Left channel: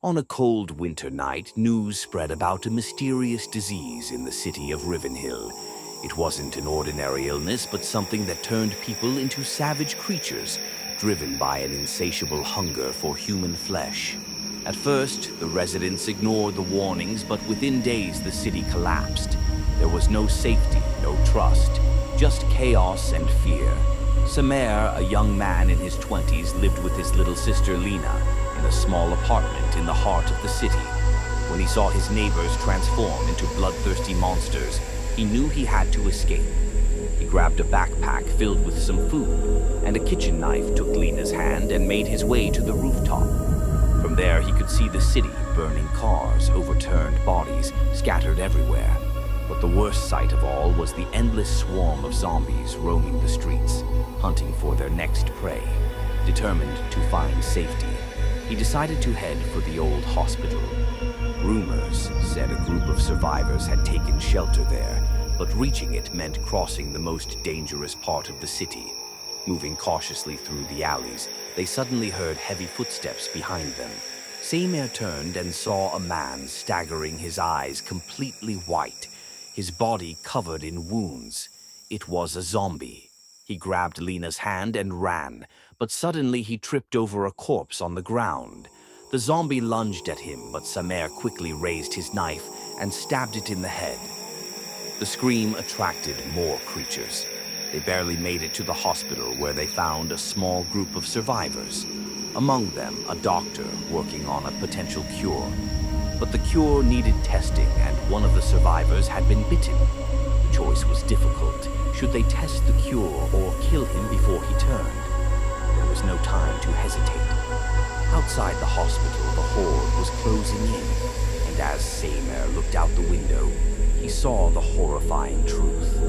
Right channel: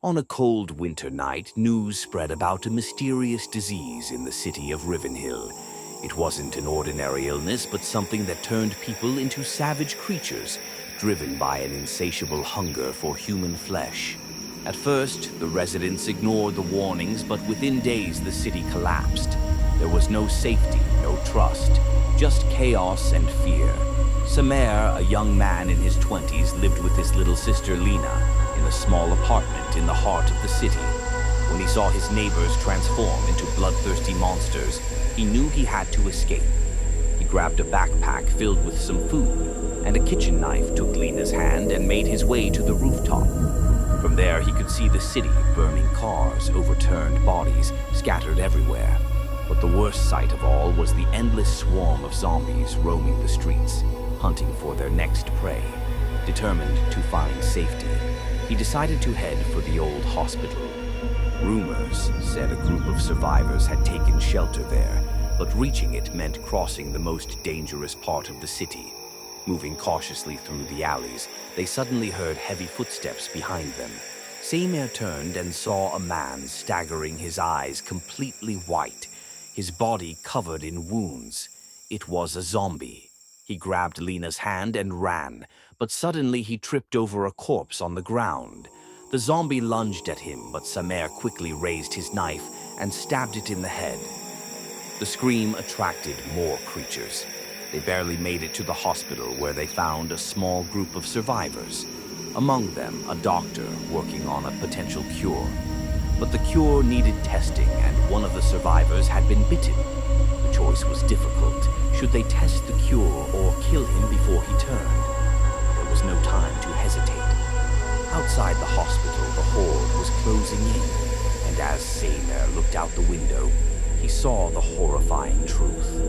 On a cold winter night, news spread about a mysterious disease in the city of Rivenhill. It wasn't an ordinary illness, but something that turned people into savage creatures, driven by an insatiable hunger for human flesh. At first, the residents ignored the warnings, but within days the city collapsed. There was no safety, no trust, just chaos and fear. Samer, a young man in his 20s, lived with his little sister Lena in a small apartment in the heart of the city. When he saw his neighbors transform into bloodthirsty monsters, he knew he had to escape. He grabbed a backpack filled with some food, and a kitchen knife took Lena's hand and made his way to the rooftop. From there, he could see the city, burning cars, overturned bodies, scattered everywhere. But the worst sight of all was the endless swarm of zombies roaming the streets, hunting for their next prey. Determined to find safety, he decided to head for the old hospital. Rumors said a group of survivors had taken shelter there, but reaching it meant crossing the most dangerous part of the city. Moving cautiously through the alleys, they suddenly heard heavy footsteps behind them. Samer turned and saw a man staggering, his eyes completely white, his body covered in wounds. It was a zombie. He grabbed Lena's hand and ran, but suddenly he tripped over a corpse on the ground. The zombie lunged at him, but Samer quickly raised his knife and stabbed it in the head. The scream attracted more creatures. They barely made it to the hospital, where they found a small group of survivors. Among them, a doctor working on a potential cure. But the cure needed testing, and one of the survivors had been bitten. The choice was difficult. Should they test the cure or kill him before he turned? There was no time to hesitate. Outside the hospital, the horde was closing in, and as Samer looked out the window, he saw the horrifying truth.